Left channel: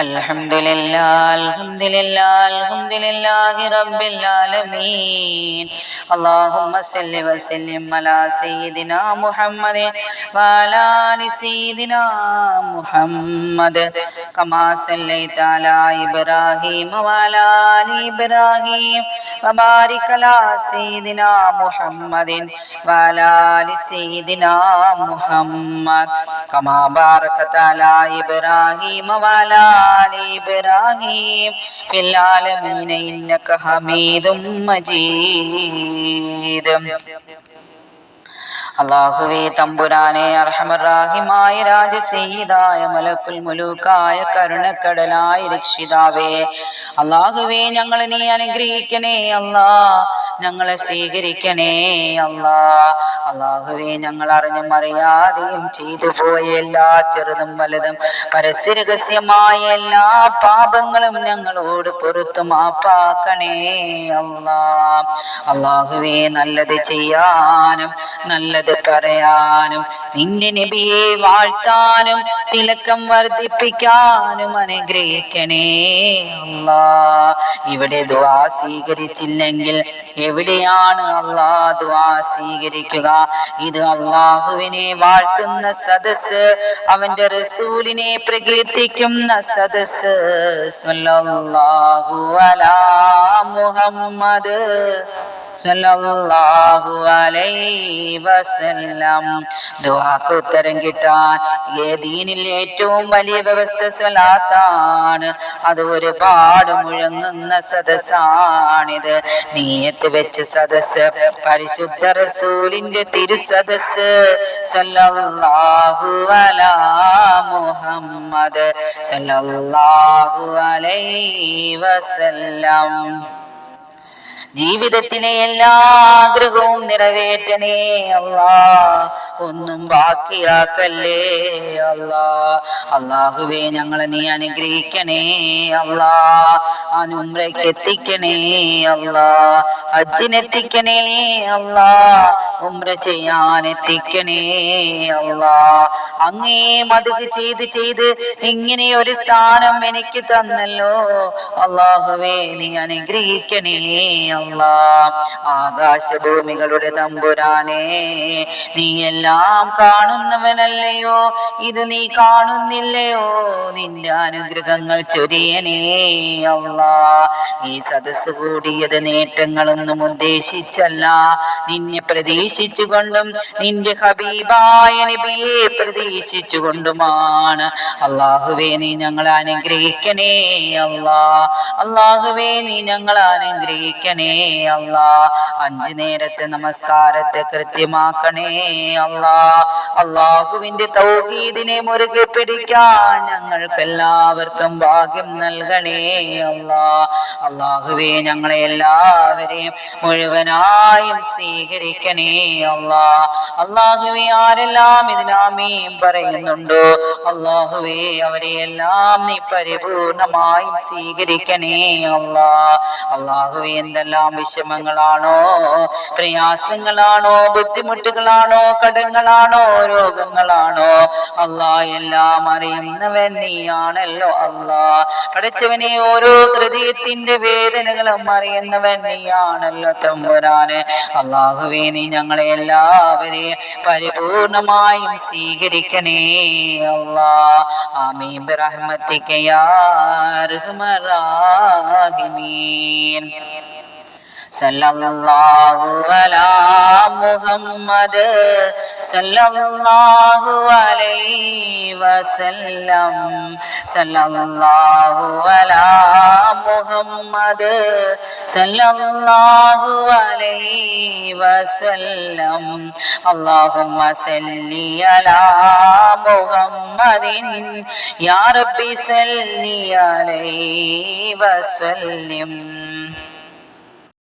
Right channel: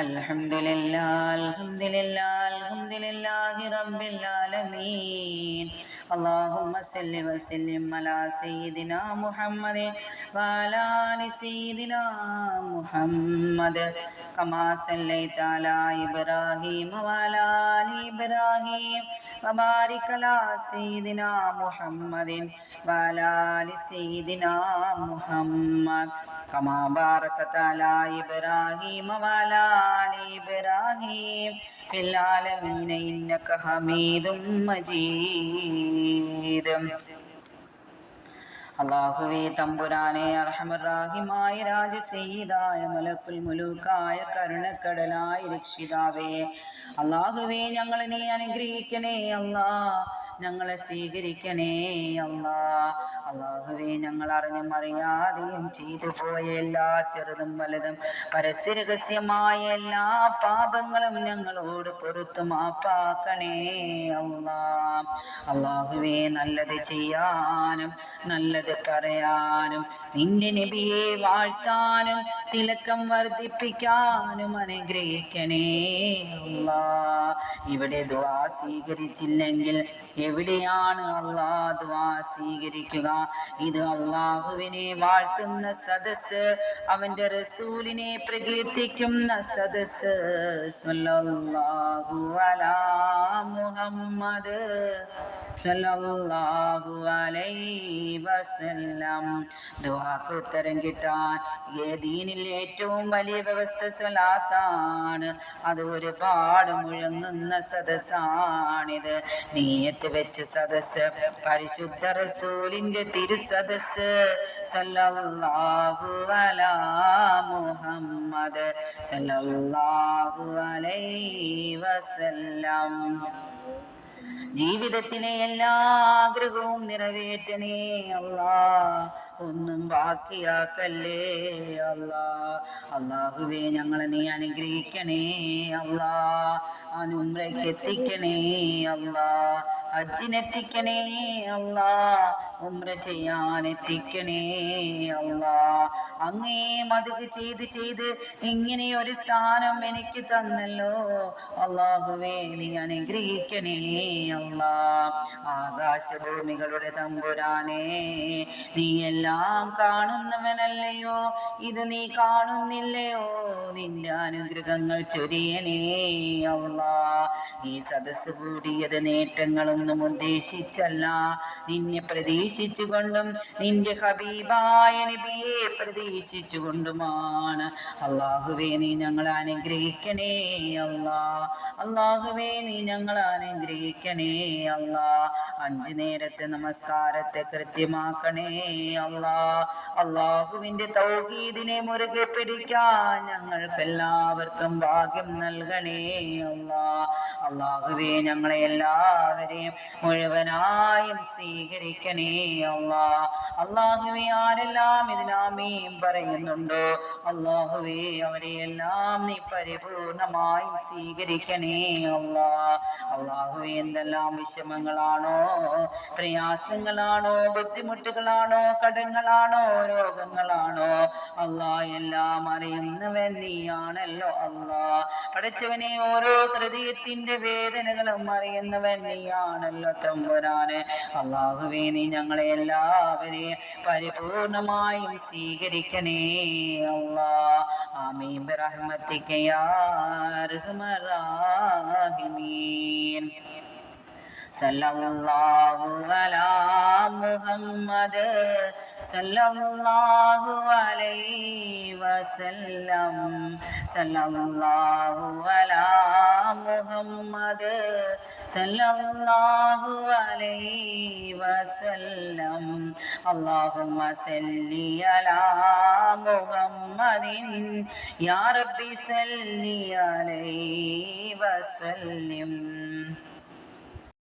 അൽഹംദുലില്ലാഹി റബ്ബിൽ ആലമീൻ. അല്ലാഹുമ്മ സ്വല്ലി വസല്ലിം അലാ സയ്യിദിനാ മുഹമ്മദ് വഅലാ ആലി സയ്യിദിനാ മുഹമ്മദ് കമാ സല്ലൈത അലാ ഇബ്രാഹീം വഅലാ ആലി ഇബ്രാഹീം വബാരിക് അലാ സയ്യിദിനാ മുഹമ്മദിൻ വഅലാ ആലി സയ്യിദിനാ മുഹമ്മദ് കമാ ബാറകത അലാ ഇബ്രാഹീം വഅലാ ആലി ഇബ്രാഹീം ഫിൽ ആലമീന ഇന്നക ഹമീദും മജീദ്. അല്ലാഹുവേ തമ്പുരാനെ, അർഹമർറാഹിമായ രാജസയ്യിദായ മലക്കുൽ മുലൂക്കായ കരുണക്കടലായ രക്ഷിതാവേ, അല്ലാഹുവേ ഞങ്ങളെ നീ അനുഗ്രഹിക്കണേ അല്ലാ, ഞങ്ങളെ സ്വീകരിക്കണേ അല്ലാ. അല്ലാഹുവേ ഞങ്ങൾ അറിഞ്ഞും അറിയാതെയും ചെയ്തു പോയ എല്ലാ ചെറുതും വലുതും പരസ്യരഹസ്യമായ എല്ലാ പാപങ്ങളും ഞങ്ങളോട് പുറത്തു മാപ്പാക്കണേ അല്ലാ. അല്ലാഹുവേ നല്ലത് ചെയ്യാനും നല്ലത് പറയാനും നിന്റെ നബിയെ വാഴ്ത്താനും തിലക്കം വർദ്ധിപ്പിക്കാനും അനുഗ്രഹിക്കണേ അല്ലാ. ഇവിടെ ദുആ സ്വീകരിച്ചില്ലെങ്കിൽ എവിടെയാണ് അല്ലാ ദുആ സ്വീകരിക്കുക? ഇത് അല്ലാഹുവിനെ വാഴ്ത്തുന്ന സദസ്സ്, അവന്റെ റസൂലിനെ പ്രകീർത്തിക്കുന്ന സദസ്സ്. സ്വല്ലല്ലാഹു അലാ മുഹമ്മദ് സല്ലല്ലാഹു അലൈഹി വസല്ലം. ദുആക്ക് ഉത്തരം കിട്ടാൻ ദീനിൽ ഏറ്റവും വലിയ വ്യവസ്ഥ സ്വലാത്താണ്. അത് ഒരുപാട് മുഴങ്ങുന്ന സദസ്സാണിത്. നീയത്ത് വെച്ച സദസ്സ്, പരിശുദ്ധ റസൂലിന്റെ തിരുസദസ്സ്. സല്ലല്ലാഹു അലാ മുഹമ്മദ് സല്ലല്ലാഹു അലൈഹി വസല്ലം. ജീവിതത്തിലെ എല്ലാ ആഗ്രഹവും നിറവേറ്റണേ അല്ലാ, ഒന്നും ബാക്കിയാക്കല്ലേ അല്ലാ. അല്ലാഹുവേ ഞങ്ങളെ നീ അനുഗ്രഹിക്കണേ അല്ലാ, ഉംറയ്ക്ക് എത്തിക്കണേ അല്ലാ, ഹജ്ജിനെത്തിക്കണേ അല്ലാ, ഉംറ ചെയ്യാൻ എത്തിക്കണേ അല്ലാ. അങ്ങേ മദ്ഹ് ചെയ്ത് ചെയ്ത് ഇങ്ങനെ ഒരു സ്ഥാനം എനിക്ക് തന്നല്ലോ അല്ലാഹുവേ, നീ അനുഗ്രഹിക്കണേ അല്ലാ. ആകാശഭൂമികളുടെ തമ്പുരാനെ, നീ എല്ലാം കാണുന്നവനല്ലയോ? ഇത് നീ കാണുന്നില്ലയോ? നിന്റെ അനുഗ്രഹങ്ങൾ ചൊരിയണേ അല്ലാ. ഈ സദസ്സ് കൂടിയത് നേട്ടങ്ങളൊന്നും ഉദ്ദേശിച്ചല്ല, നിന്നെ പ്രതീക്ഷിച്ചുകൊണ്ടും നിന്റെ ഹബീബായ നബിയെ പ്രതീക്ഷിച്ചുകൊണ്ടുമാണ്. അല്ലാഹുവേ നീ ഞങ്ങളെ അനുഗ്രഹിക്കണേ അല്ലാ. അല്ലാഹുവേ നീ ഞങ്ങളെ അനുഗ്രഹിക്കണേ അല്ലാ. 5 നേരത്തെ നമസ്കാരത്തെ കൃത്യമാക്കണേ അല്ലാ. അല്ലാഹുവിന്റെ തൗഹീദിനെ മുറുകെ പിടിക്കാൻ ഞങ്ങൾക്കെല്ലാവർക്കും ഭാഗ്യം നൽകണേ അല്ലാ. അല്ലാഹുവേ ഞങ്ങളെ എല്ലാവരെയും മുഴുവനായും സ്വീകരിക്കണേ അല്ലാ. അല്ലാഹുവേ ആരെല്ലാം ഇതിനാമീൻ പറയുന്നുണ്ടോ അല്ലാഹുവേ, അവരെ എല്ലാം നീ പരിപൂർണമായും സ്വീകരിക്കണേ അല്ലാ. അല്ലാഹുവേ എന്തെല്ലാം വിഷമങ്ങളാണോ, പ്രയാസങ്ങളാണോ, ബുദ്ധിമുട്ടുകളാണോ, കടങ്ങളാണോ, രോഗങ്ങളാണോ അല്ലാ, എല്ലാം അറിയുന്നവൻ നീയാണല്ലോ അല്ലാ. പടച്ചവനെ, ഓരോ ഹൃദയത്തിന്റെ വേദനകളും അറിയുന്നവൻ നീയാണല്ലോ തമ്പുരാനെ. അല്ലാഹുവേ നീ ഞങ്ങളെ എല്ലാവരെയും പരിപൂർണമായും സ്വീകരിക്കണേ അല്ലാ. ആമീൻ ബിറഹ്മതിക യാ അർഹമർ റഹീമീൻ. സല്ലല്ലാഹു അലാ മുഹമ്മദ് സല്ലല്ലാഹു അലൈഹി വസല്ലം. സല്ലല്ലാഹു അലാ മുഹമ്മദ് സല്ലല്ലാഹു അലൈഹി വസല്ലം. അല്ലാഹുമ്മ സല്ലി അലാ മുഹമ്മദിൻ യാ റബ്ബി സല്ലി അലൈഹി വസല്ലം.